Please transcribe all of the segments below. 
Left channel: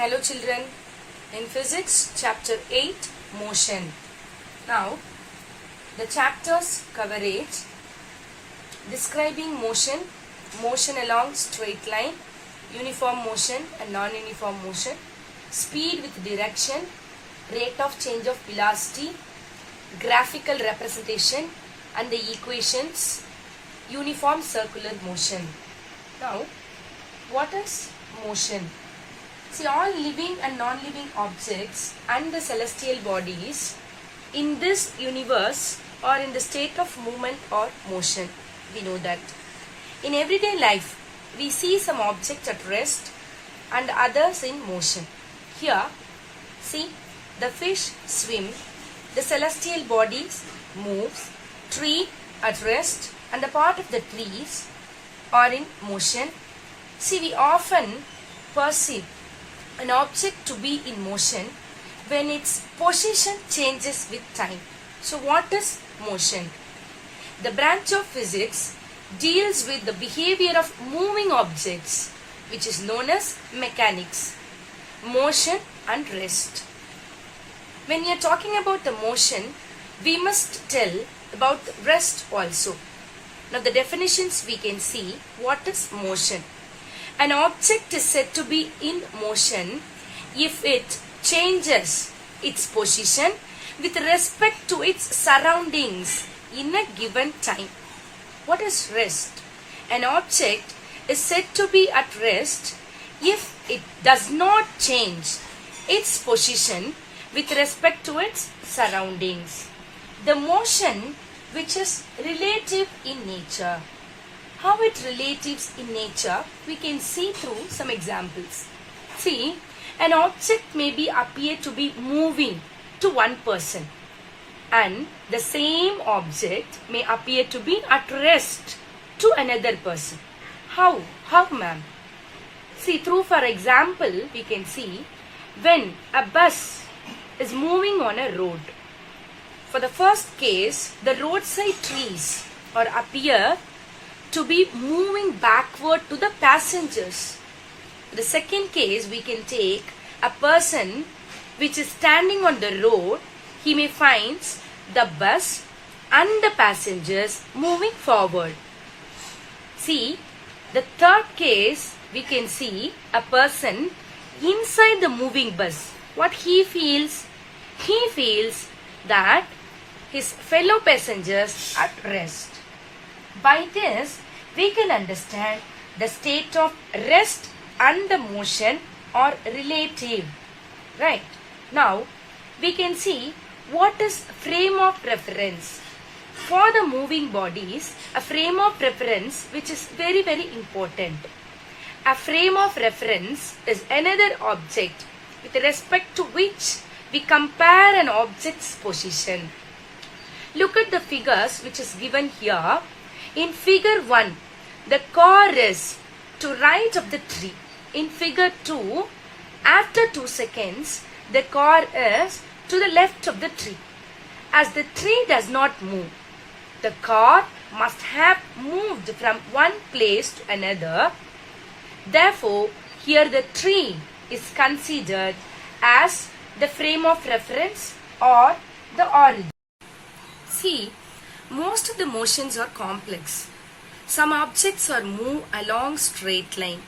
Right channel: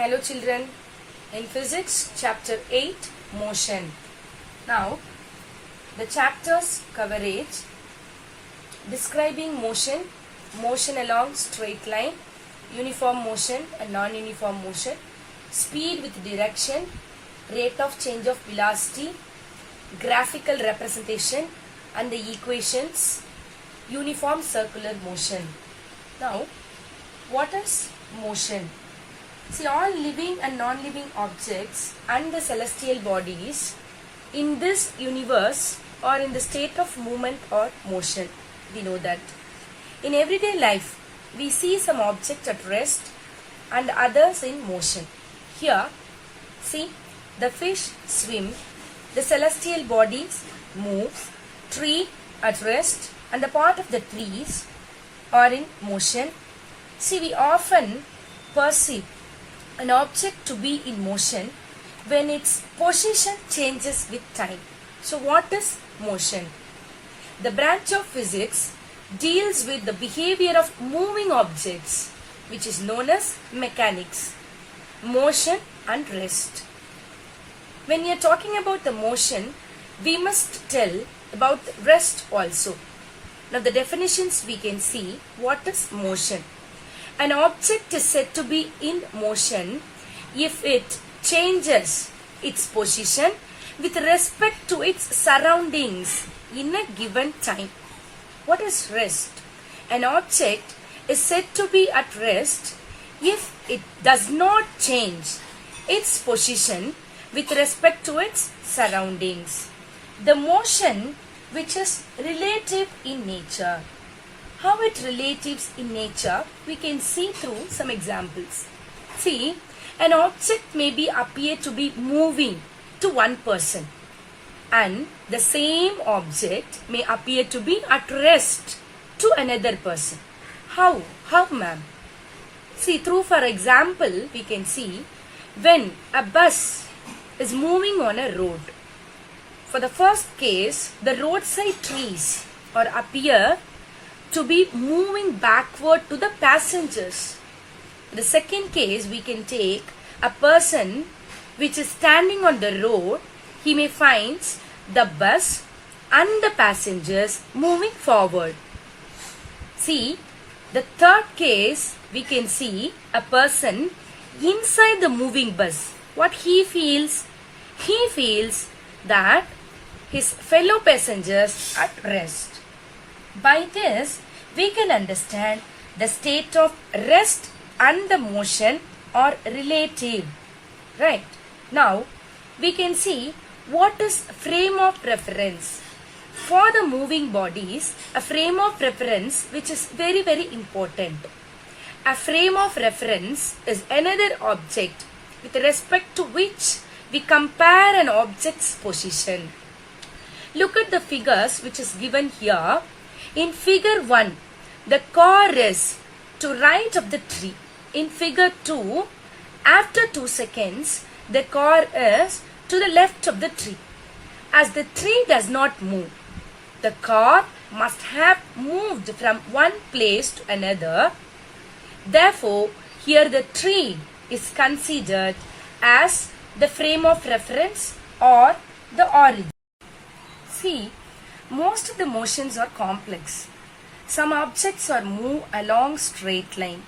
Hello children, in physics chapter 8 motion. Now the chapters coverage describing motion, motion along straight line, uniform motion and non-uniform motion, speed with direction, rate of change of velocity, graphical representation and the equations, uniform circular motion. Now what is motion? See, all living and non-living objects and the celestial bodies in this universe are in the state of movement or motion. We know that. In everyday life, we see some objects at rest and others in motion. Here, see, the fish swim, the celestial bodies move, tree at rest and the part of the trees are in motion. See, we often perceive an object to be in motion when its position changes with time. So what is motion? The branch of physics deals with the behavior of moving objects, which is known as mechanics, motion and rest. When we are talking about the motion, we must tell about rest also. Now the definitions we can see. What is motion? An object is said to be in motion if it changes its position with respect to its surroundings in a given time. What is rest? An object is said to be at rest if it does not change its position with respect to its surroundings. The motion which is relative in nature. How it relatives in nature, we can see through some examples. See, an object may be appear to be moving to one person and the same object may appear to be at rest to another person. How? How, ma'am? See, through for example, we can see when a bus is moving on a road. For the first case, the roadside trees or appear to be moving backward to the passengers. The second case, we can take a person which is standing on the road. He may find the bus and the passengers moving forward. See, the third case, we can see a person inside the moving bus. What he feels? He feels that his fellow passengers are at rest. By this, we can understand the state of rest and the motion are relative. Right. Now, we can see what is frame of reference. For the moving bodies, a frame of reference which is very, very important. A frame of reference is another object with respect to which we compare an object's position. Look at the figures which is given here. In figure 1, the car is to right of the tree. In figure 2, after 2 seconds, the car is to the left of the tree. As the tree does not move, the car must have moved from one place to another. Therefore, here the tree is considered as the frame of reference or the origin. See, most of the motions are complex. Some objects are moved along straight line.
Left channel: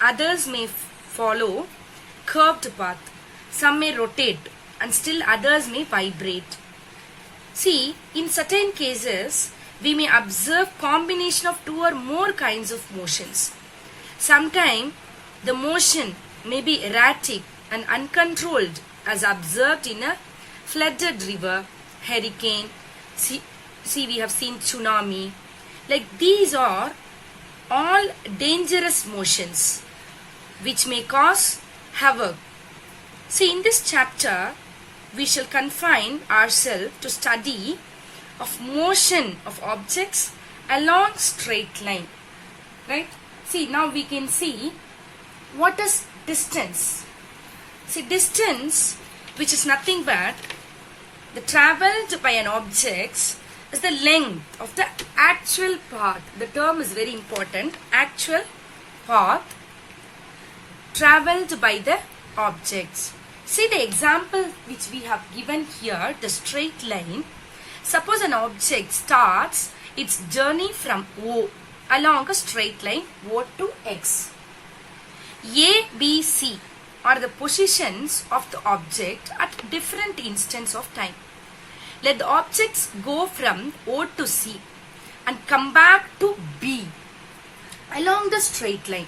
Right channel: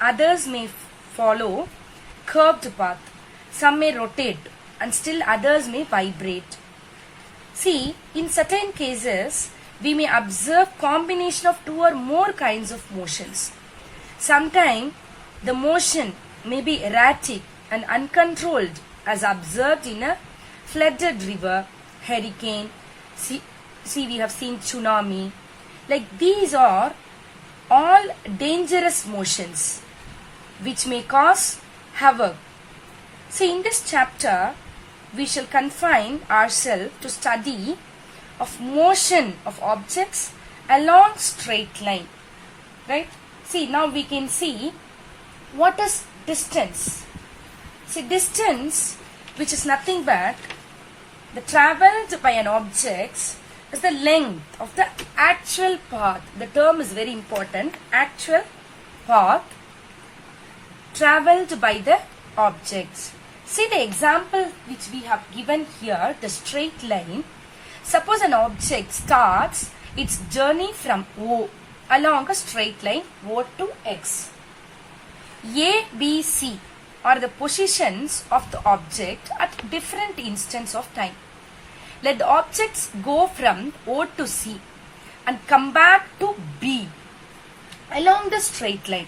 Others may follow curved path. Some may rotate and still others may vibrate. See, in certain cases, we may observe combination of two or more kinds of motions. Sometimes the motion may be erratic and uncontrolled as observed in a flooded river, hurricane. See, we have seen tsunami. Like these are all dangerous motions which may cause havoc. See, in this chapter, we shall confine ourselves to study of motion of objects along straight line. Right? See, now we can see what is distance. See, distance, which is nothing but the travelled by an object, is the length of the actual path. The term is very important. Actual path travelled by the objects. See the example which we have given here, the straight line. Suppose an object starts its journey from O along a straight line O to X. A, B, C are the positions of the object at different instants of time. Let the objects go from O to C and come back to B along the straight line.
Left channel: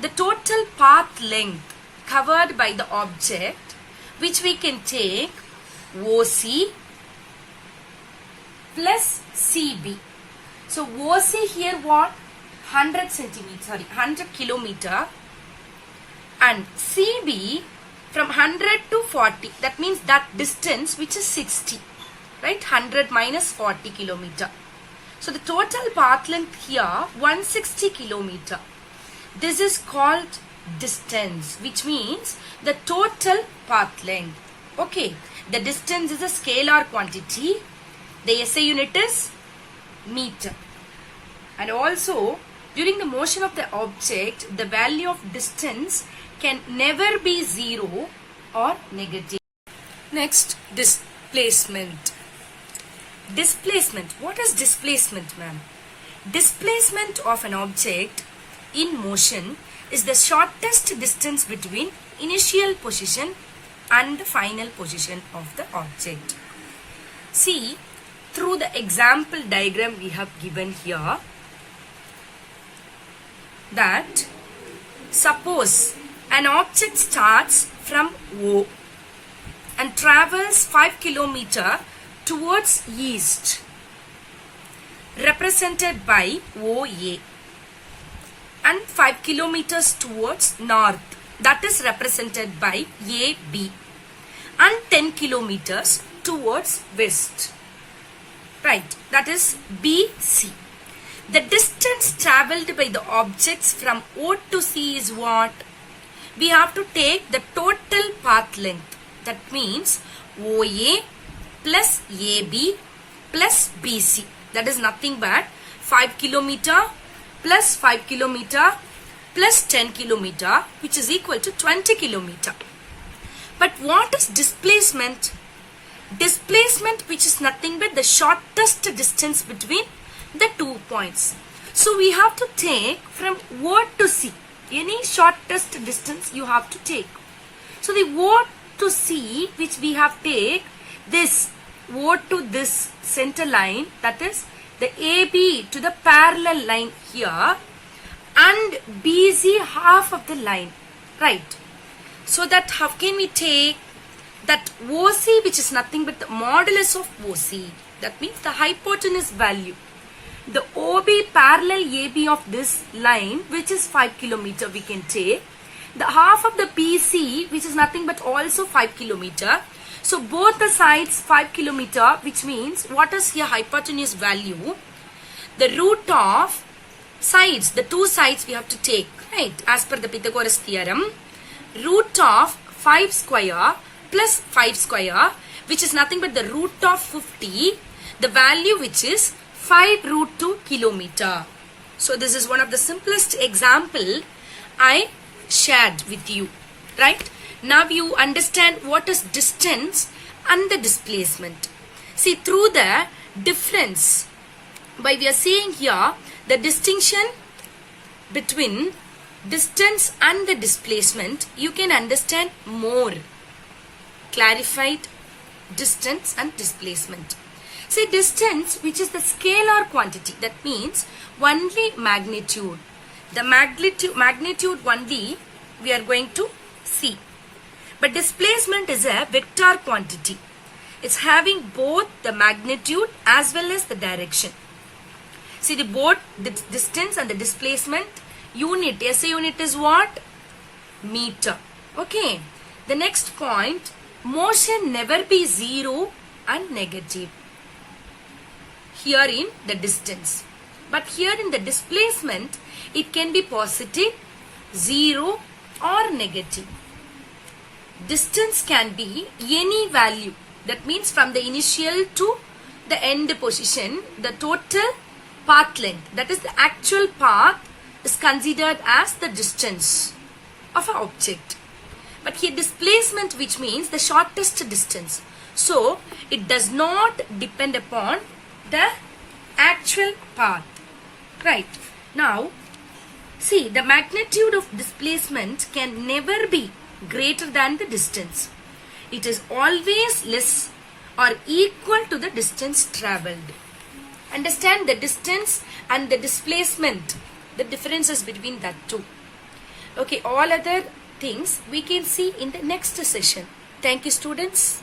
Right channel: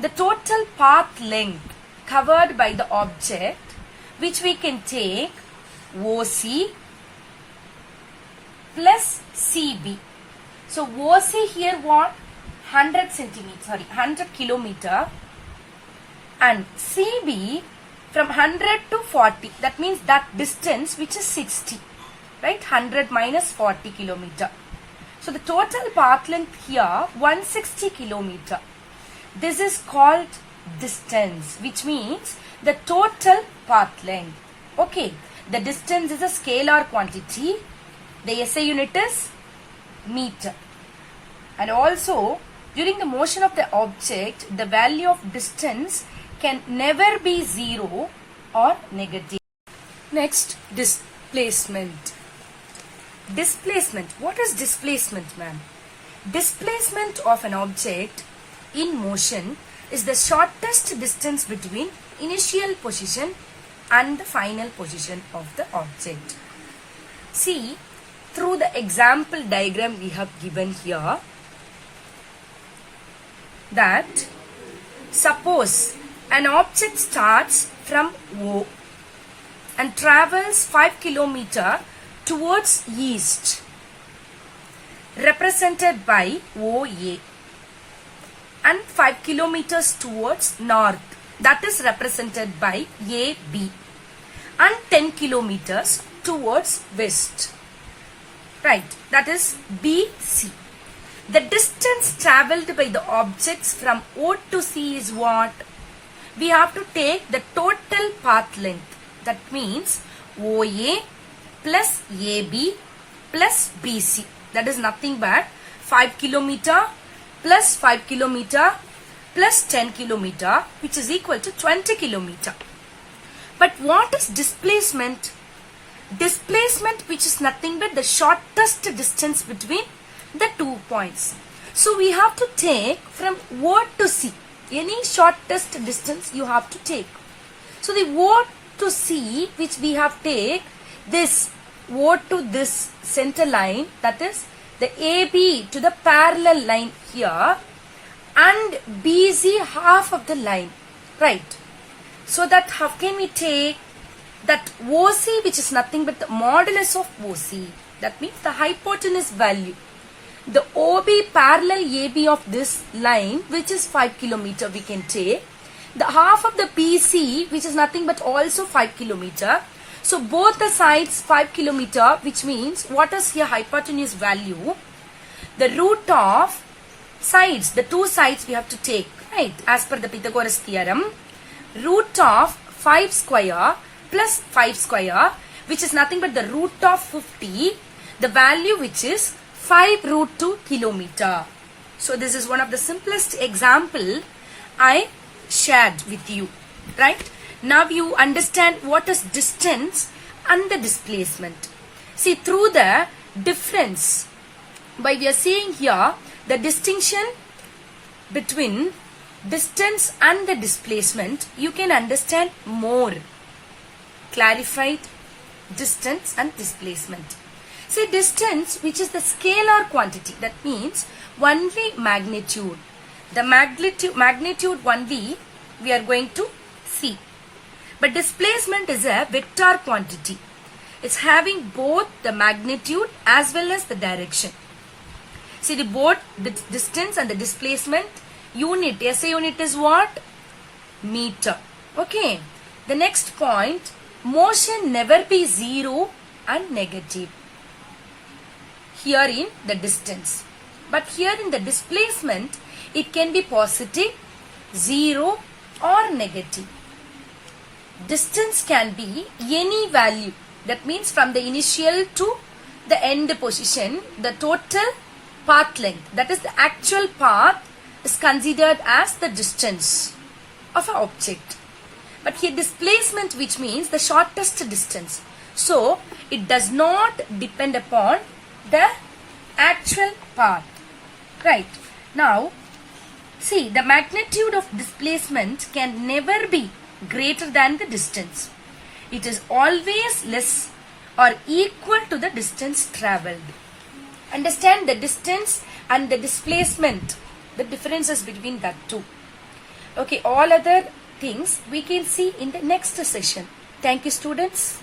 The total path length covered by the object, which we can take OC plus CB. So OC here what? 100 kilometer, and CB from 100 to 40. That means that distance which is 60, right? 100 minus 40 kilometer. So the total path length here 160 kilometer. This is called distance, which means the total path length. Okay, the distance is a scalar quantity. The SI unit is meter. And also, during the motion of the object, the value of distance can never be 0 or negative. Next, displacement. Displacement. What is displacement, ma'am? Displacement of an object in motion is the shortest distance between initial position and the final position of the object. See, through the example diagram we have given here, that suppose an object starts from O and travels 5 km towards east, represented by OA, and 5 kilometers towards north, that is represented by AB, and 10 kilometers towards west, right, that is BC. The distance travelled by the objects from O to C is what? We have to take the total path length. That means OA plus AB plus BC. That is nothing but 5 kilometer plus 5 kilometer plus 10 kilometer, which is equal to 20 kilometer. But what is displacement? Displacement, which is nothing but the shortest distance between the 2 points. So we have to take from O to C. Any shortest distance you have to take. So the O to C, which we have take this O to this center line, that is the AB to the parallel line here, and BC half of the line, right? So that how can we take that OC, which is nothing but the modulus of OC, that means the hypotenuse value. The OB parallel AB of this line, which is 5 kilometer, we can take. The half of the BC, which is nothing but also 5 kilometer. So both the sides 5 kilometer, which means what is here hypotenuse value? The root of sides, the two sides we have to take, right? As per the Pythagoras theorem, root of 5 square plus 5 square, which is nothing but the root of 50, the value which is 5 root 2 kilometer. So this is one of the simplest example I shared with you, right? Now you understand what is distance and the displacement. See, through the difference, by we are seeing here the distinction between distance and the displacement, you can understand more clarified distance and displacement. See, distance, which is the scalar quantity, that means only magnitude. The magnitude only we are going to see. But displacement is a vector quantity. It's having both the magnitude as well as the direction. See, both the distance and the displacement unit, SI unit is what? Meter. Okay. The next point, motion never be 0 and negative. Here in the distance. But here in the displacement, it can be positive, 0 or negative. Distance can be any value. That means from the initial to the end position, the total path length, that is the actual path, is considered as the distance. of an object. But here displacement, which means the shortest distance. So it does not depend upon the actual path. Right. Now see, the magnitude of displacement can never be greater than the distance. It is always less or equal to the distance travelled. Understand the distance and the displacement, the differences between that two. Okay, all other things we can see in the next session. Thank you, students.